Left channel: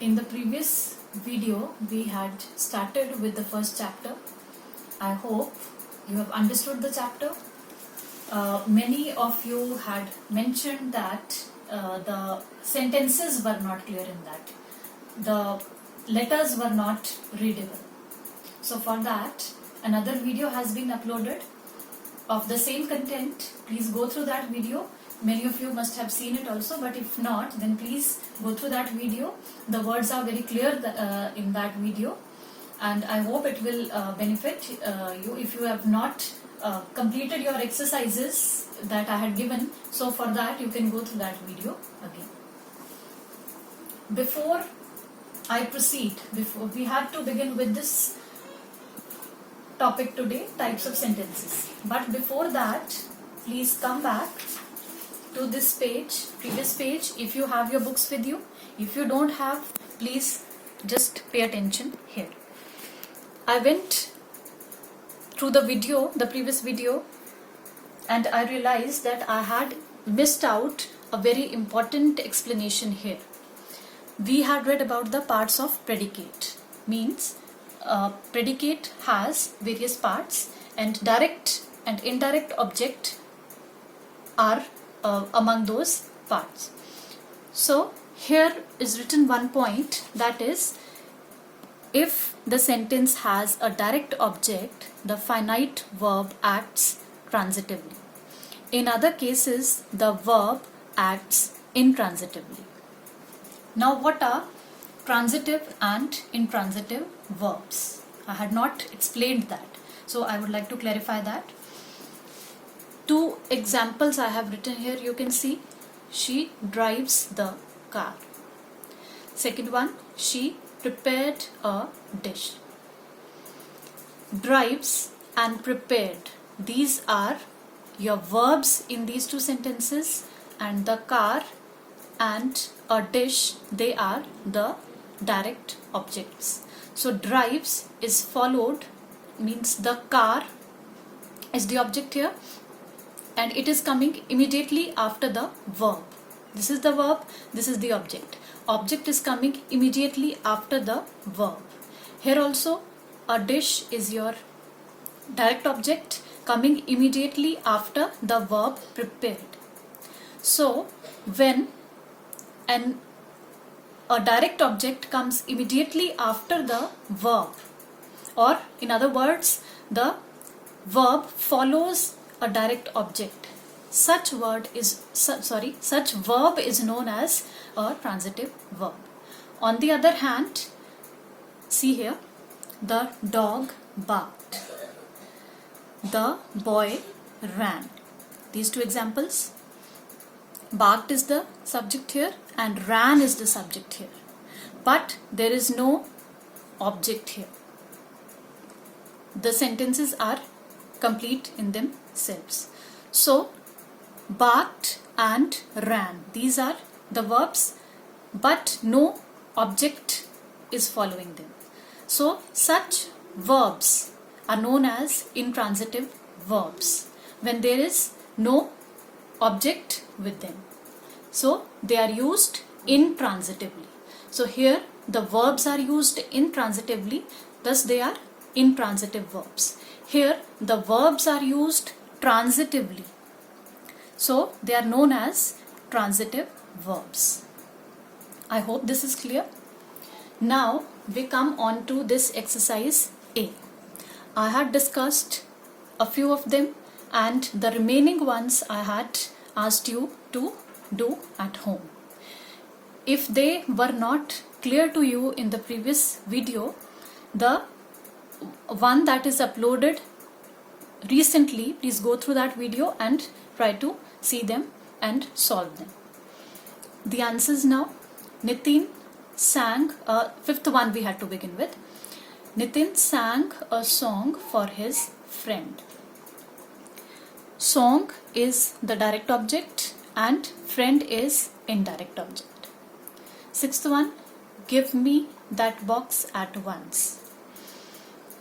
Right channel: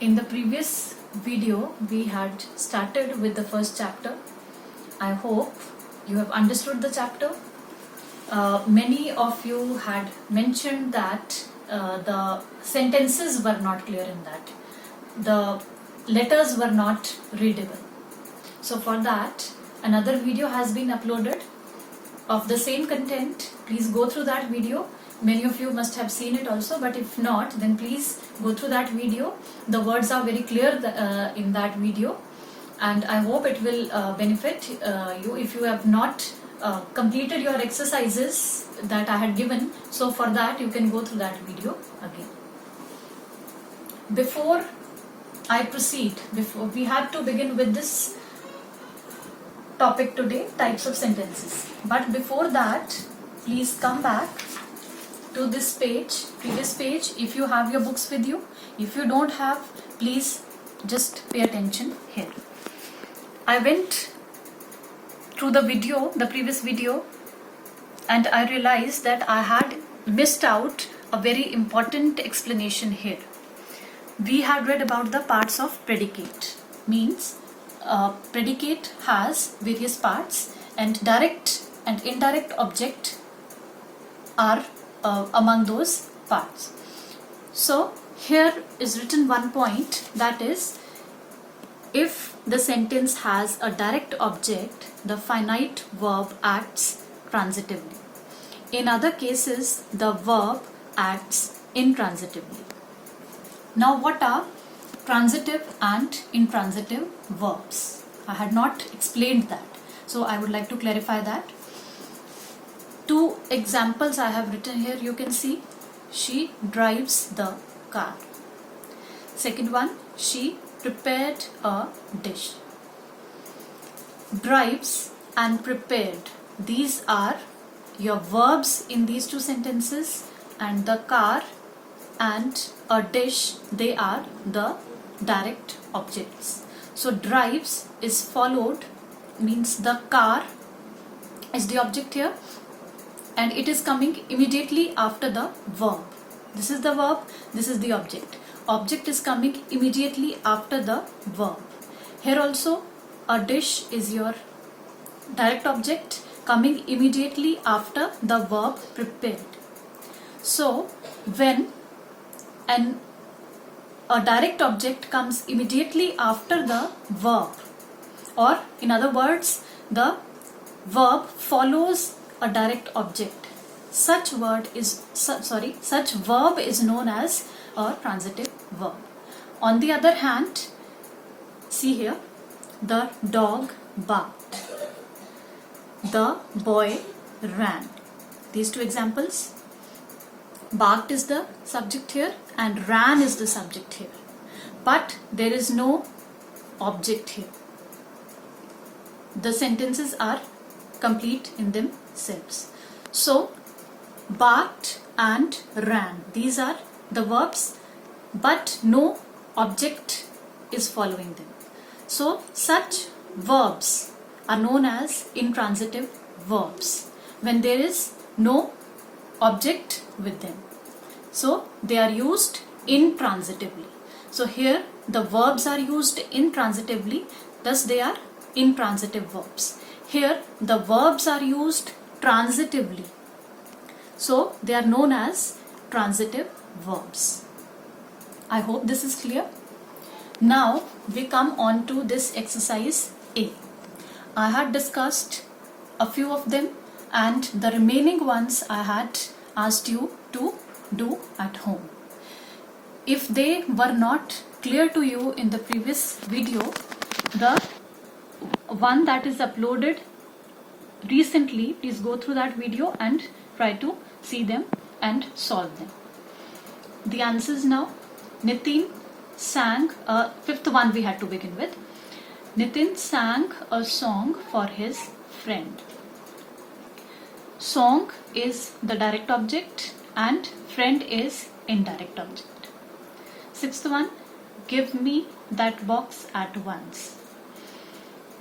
In the previous video, we had started with the first chapter. I hope you have understood the chapter. Many of you had mentioned that the sentences were not clear in that. The letters were not readable. So for that, another video has been uploaded of the same content. Please go through that video. Many of you must have seen it also, but if not, then please go through that video. The words are very clear in that video, and I hope it will benefit you if you have not completed your exercises that I had given. So for that, you can go through that video again. Before I proceed, we had to begin with this topic today, types of sentences. But before that, please come back to this page, previous page, if you have your books with you. If you don't have, please just pay attention here. I went through the video, the previous video, and I realized that I had missed out a very important explanation here. We had read about the parts of predicate. Means predicate has various parts, and direct and indirect object are among those parts. So here is written one point, that is, if the sentence has a direct object, the finite verb acts transitively. In other cases, the verb acts intransitively. Now, what are transitive and intransitive verbs? I had not explained that, so I would like to clarify that. Two examples I have written here. You can see, she drives the car. Second one, she prepared a dish. Drives and prepared, these are your verbs in these two sentences, and the car and a dish, they are the direct objects. So drives is followed, means the car is the object here, and it is coming immediately after the verb. This is the verb, this is the object. Object is coming immediately after the verb. Here also, a dish is your direct object coming immediately after the verb prepared. So when a direct object comes immediately after the verb, or in other words, the verb follows a direct object, such verb is known as a transitive verb. On the other hand, see here, the dog barked, the boy ran. These two examples, barked is the subject here and ran is the subject here, but there is no object here. The sentences are complete in themselves. So barked and ran, these are the verbs, but no object is following them. So such verbs are known as intransitive verbs when there is no object with them. So they are used intransitively. So here the verbs are used intransitively, thus they are intransitive verbs. Here the verbs are used transitively, so they are known as transitive verbs. I hope this is clear. Now we come on to this exercise A. I had discussed a few of them, and the remaining ones I had asked you to do at home. If they were not clear to you in the previous video, the one that is uploaded recently, please go through that video and try to see them and solve them. The answers now. Nitin sang, fifth one we had to begin with. Nitin sang a song for his friend. Song is the direct object and friend is indirect object. Sixth one, give me that box at once.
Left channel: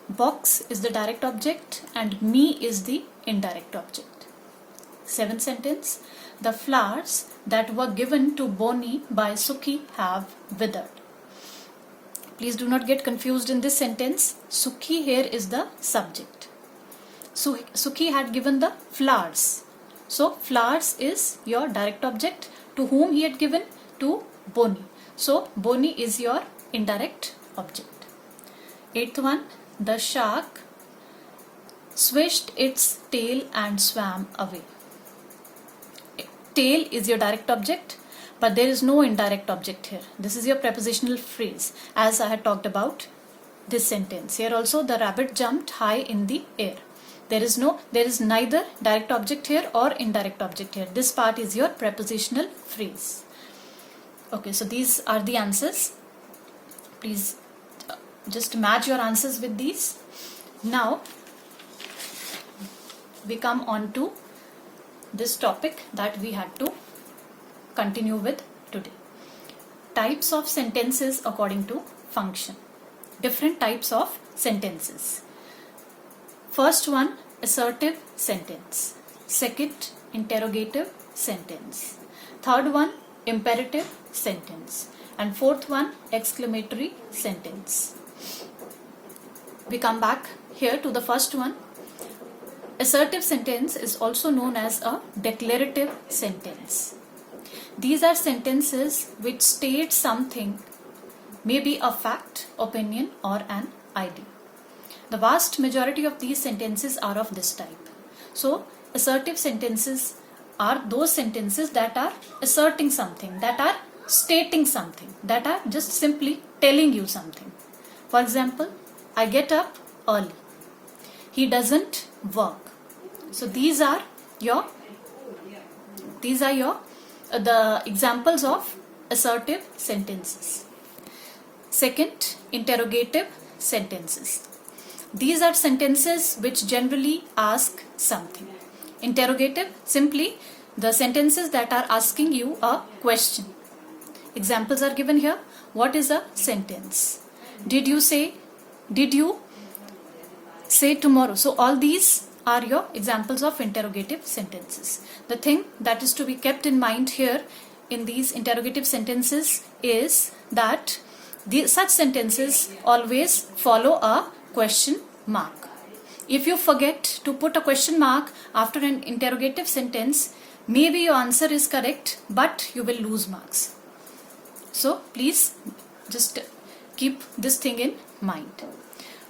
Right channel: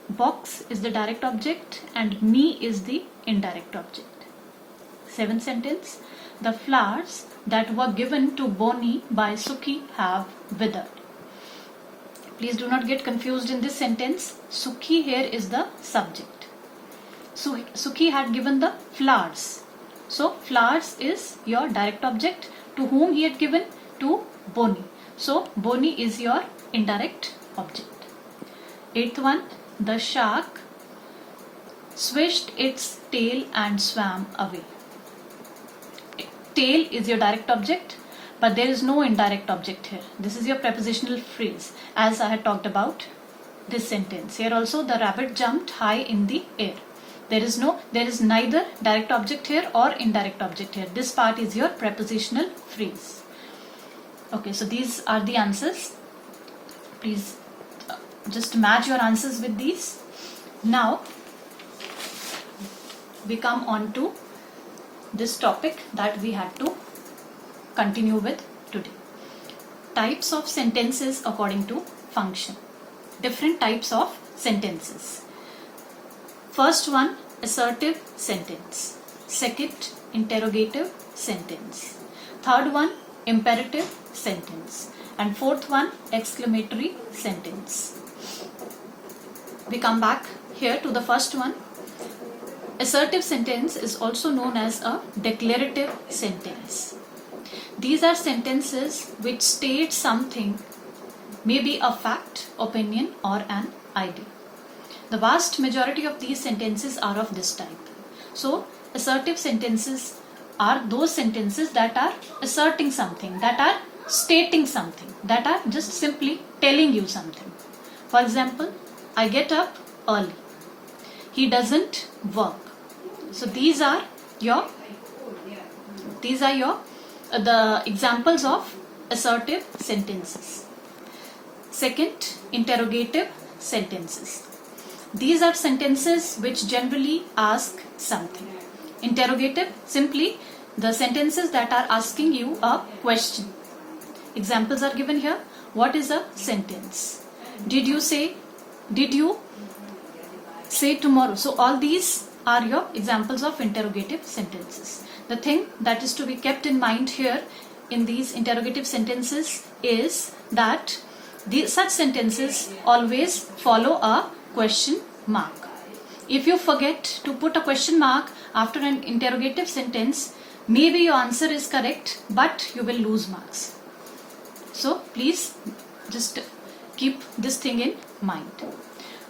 Box is the direct object and me is the indirect object. Seventh sentence, the flowers that were given to Bonnie by Suki have withered. Please do not get confused in this sentence. Sukhi here is the subject. So Sukhi had given the flowers. So flowers is your direct object. To whom he had given? To Boni. So Boni is your indirect object. Eighth one, the shark swished its tail and swam away. Tail is your direct object, but there is no indirect object here. This is your prepositional phrase, as I had talked about this sentence. Here also the rabbit jumped high in the air. There is neither direct object here or indirect object here. This part is your prepositional phrase. Okay, so these are the answers. Please just match your answers with these. Now we come on to this topic that we had to continue with today. Types of sentences according to function. Different types of sentences. First one, assertive sentence. Second, interrogative sentence. Third one, imperative sentence. And fourth one, exclamatory sentence. We come back here to the first one. Assertive sentence is also known as a declarative sentence. These are sentences which state something, maybe a fact, opinion, or an idea. The vast majority of these sentences are of this type. So, assertive sentences are those sentences that are asserting something, that are stating something, that are just simply telling you something. For example, I get up early. He doesn't work. So these are the examples of assertive sentences. Second, interrogative sentences. These are sentences which generally ask something. Interrogative, simply the sentences that are asking you a question. Examples are given here. What is a sentence? Did you say tomorrow? So all these are your examples of interrogative sentences. The thing that is to be kept in mind here in these interrogative sentences is that such sentences always follow a question mark. If you forget to put a question mark after an interrogative sentence, maybe your answer is correct, but you will lose marks. So please just keep this thing in mind.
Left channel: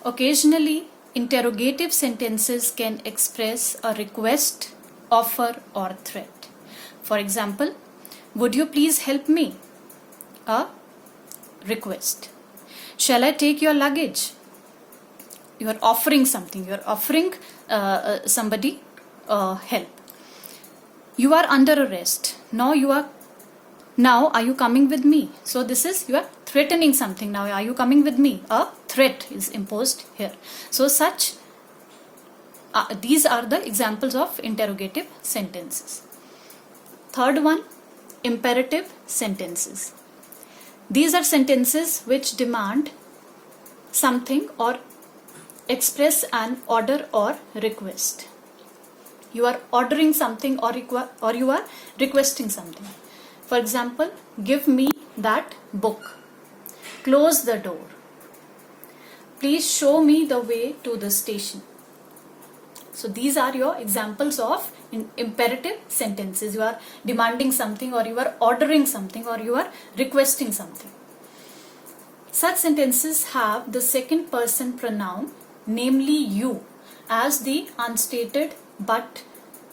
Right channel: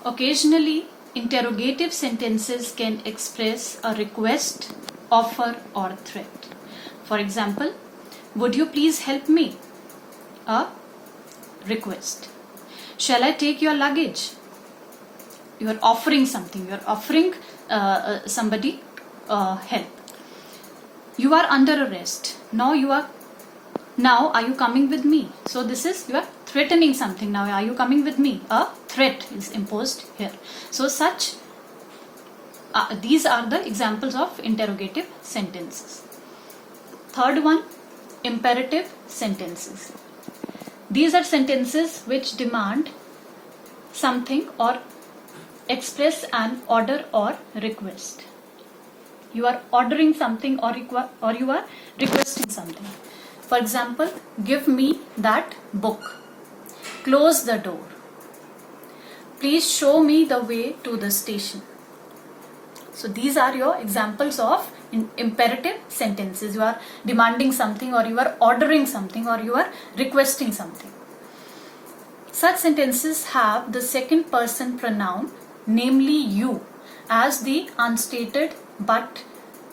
Occasionally, interrogative sentences can express a request, offer, or threat. For example, would you please help me? A request. Shall I take your luggage? You are offering something. You are offering somebody help. You are under arrest. Now are you coming with me? So this is, you are threatening something. Now are you coming with me? A threat is imposed here. So these are the examples of interrogative sentences. Third one, imperative sentences. These are sentences which demand something or express an order or request. You are ordering something or you are requesting something. For example, give me that book. Close the door. Please show me the way to the station. So these are your examples of imperative sentences. You are demanding something, or you are ordering something, or you are requesting something. Such sentences have the second person pronoun, namely you, as the unstated but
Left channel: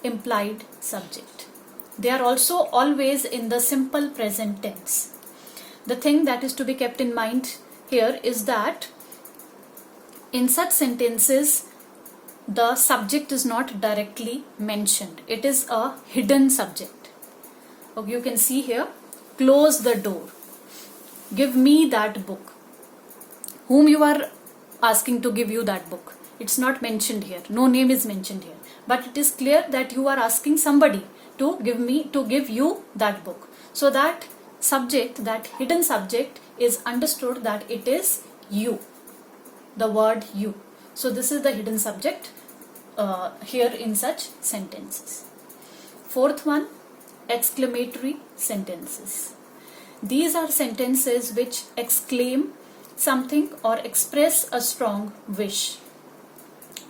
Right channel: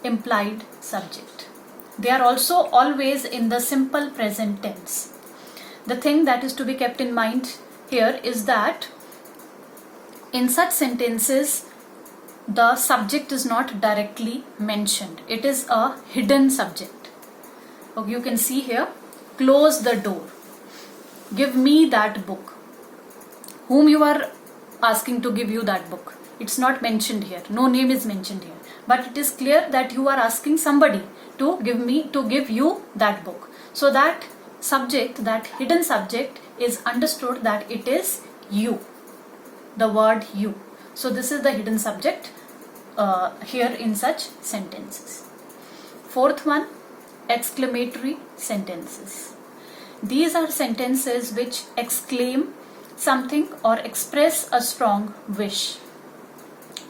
implied subject. They are also always in the simple present tense. The thing that is to be kept in mind here is that in such sentences, the subject is not directly mentioned. It is a hidden subject. Okay, you can see here, close the door. Give me that book. Whom you are asking to give you that book? It's not mentioned here. No name is mentioned here. But it is clear that you are asking somebody to give you that book. So that subject, that hidden subject, is understood that it is you. The word you. So this is the hidden subject here in such sentences. Fourth one, exclamatory sentences. These are sentences which exclaim something or express a strong wish.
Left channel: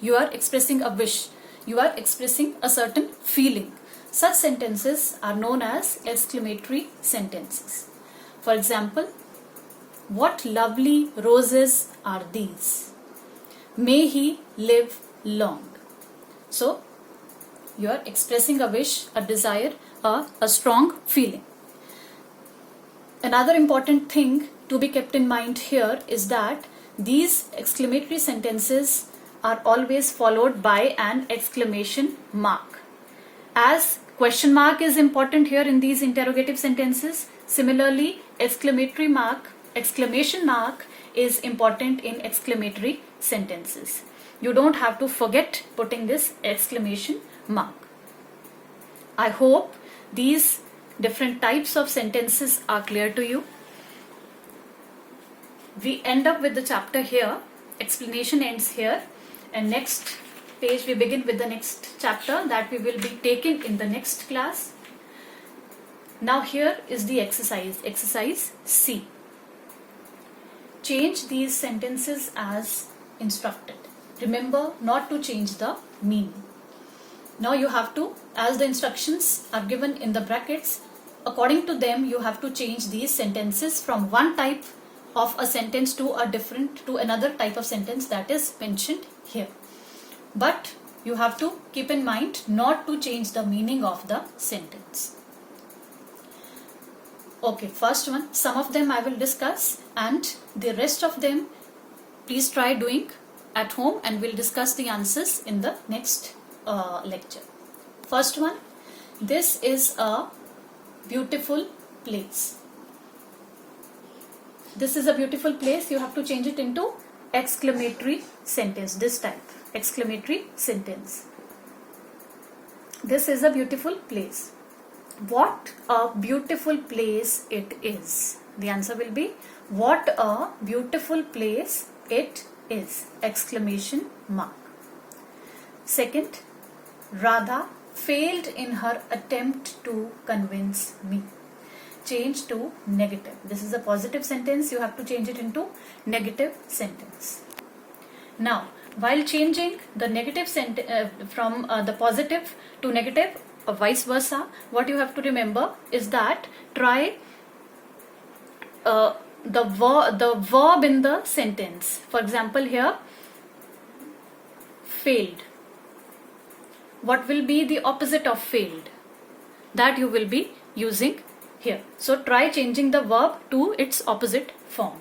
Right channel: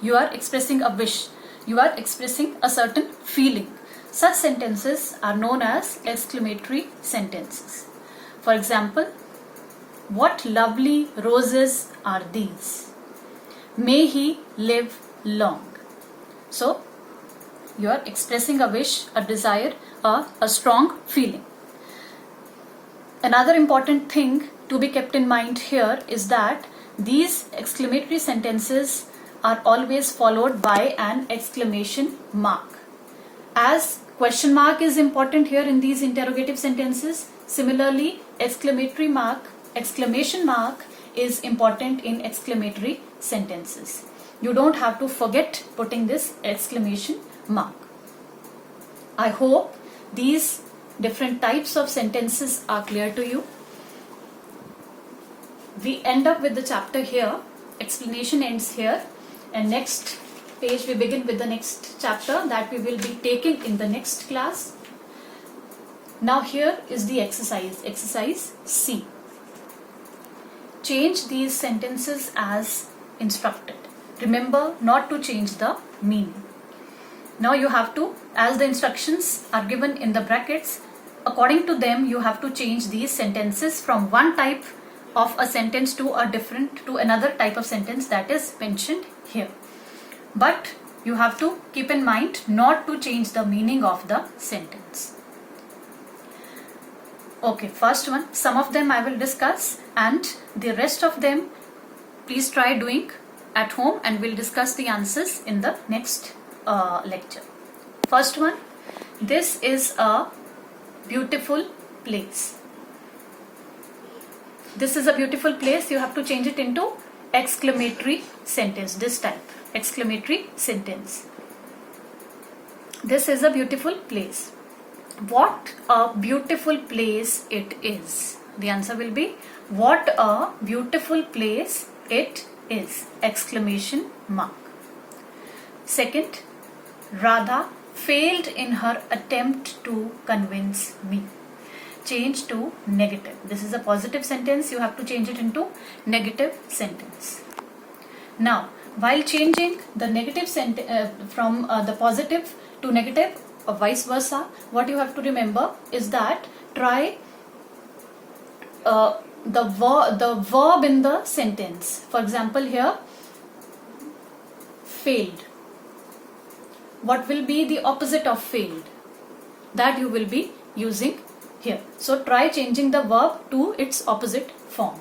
You are expressing a wish. You are expressing a certain feeling. Such sentences are known as exclamatory sentences. For example, what lovely roses are these? May he live long. So, you are expressing a wish, a desire, a strong feeling. Another important thing to be kept in mind here is that these exclamatory sentences are always followed by an exclamation mark. As question mark is important here in these interrogative sentences, similarly exclamation mark is important in exclamatory sentences. You don't have to forget putting this exclamation mark. I hope these different types of sentences are clear to you. We end up with the chapter here. Explanation ends here. And next page we begin with the next chapter that we will be taking in the next class. Now here is the exercise. Exercise C. Change these sentences as instructed. Remember not to change the meaning. Now you have to, as the instructions are given in the brackets, according to them you have to change these sentences from one type of a sentence to another type of sentence that is mentioned here. But you have to keep in mind not to change the meaning of the sentence. Okay, first one, some of them I will discuss and the rest of them please try doing at home and we'll discuss the answers in the next lecture. First one, this is a beautiful place. This is a beautiful place. You have to change it into exclamatory sentence. This type, exclamatory sentence. This is a beautiful place. What a beautiful place it is. The answer will be what a beautiful place it is. Exclamation mark. Second, Radha failed in her attempt to convince me. Change to negative. This is a positive sentence. You have to change it into negative sentence. Now, while changing the negative from the positive to negative or vice versa, what you have to remember is that try the verb in the sentence. For example, here, failed. What will be the opposite of failed? That you will be using here. So try changing the verb to its opposite form,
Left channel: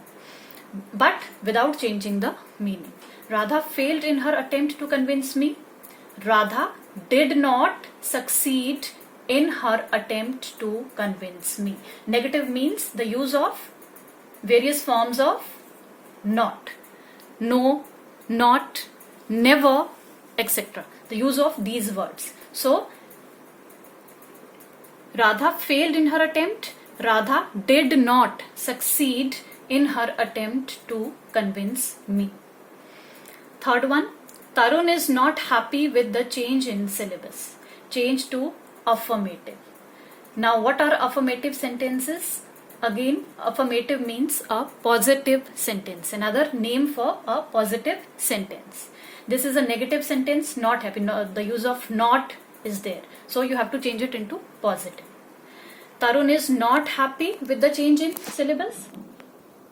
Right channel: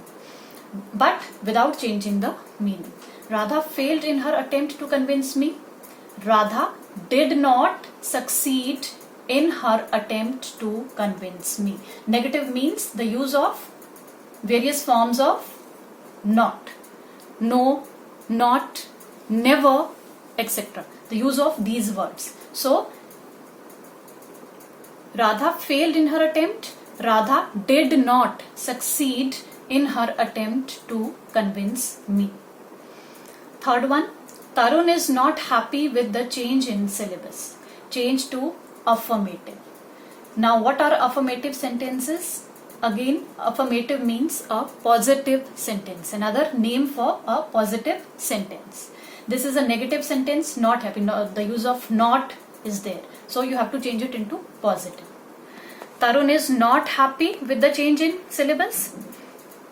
but without changing the meaning. Radha failed in her attempt to convince me. Radha did not succeed in her attempt to convince me. Negative means the use of various forms of not, no, not, never, etc. The use of these words. So, Radha failed in her attempt. Radha did not succeed in her attempt to convince me. Third one, Tarun is not happy with the change in syllabus. Change to affirmative. Now, what are affirmative sentences? Again, affirmative means a positive sentence. Another name for a positive sentence. This is a negative sentence, not happy. No, the use of not is there. So you have to change it into positive. Tarun is not happy with the change in syllabus.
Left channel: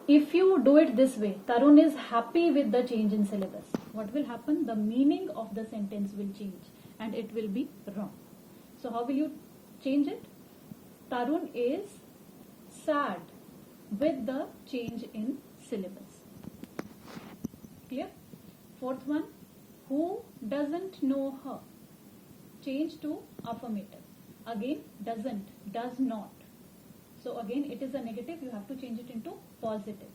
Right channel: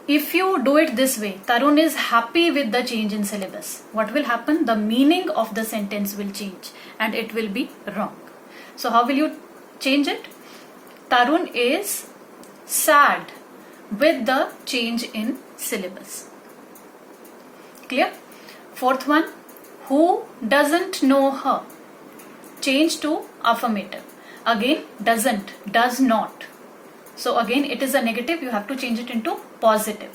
If you do it this way, Tarun is happy with the change in syllabus, what will happen? The meaning of the sentence will change and it will be wrong. So how will you change it? Tarun is sad with the change in syllabus. Clear? Fourth one, who doesn't know her? Change to affirmative. Again, doesn't, does not. So again, it is a negative. You have to change it into positive.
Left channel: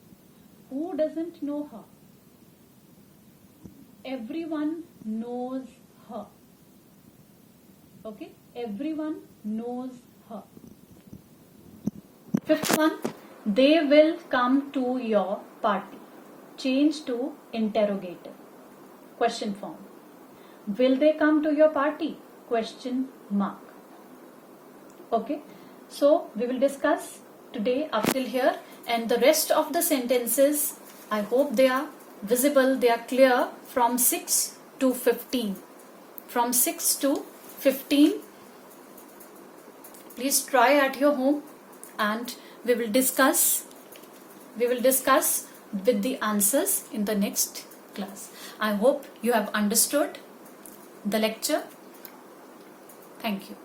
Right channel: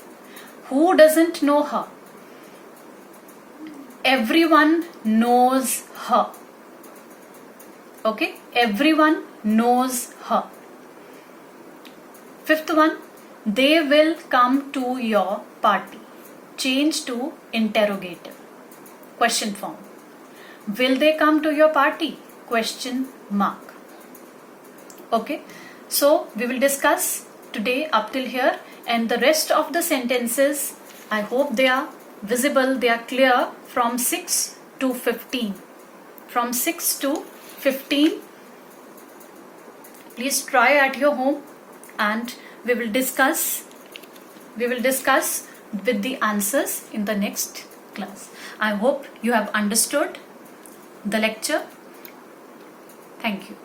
Who doesn't know her? Everyone knows her. Okay, everyone knows her. Fifth one, they will come to your party. Change to interrogative. Question form. Will they come to your party? Question mark. Okay, so we will discuss today up till here, and the rest of the sentences I hope they are visible, they are clear from 6 to 15. From 6 to 15, please try at your home, and we will discuss with the answers in the next class. I hope you have understood the lecture. Thank you.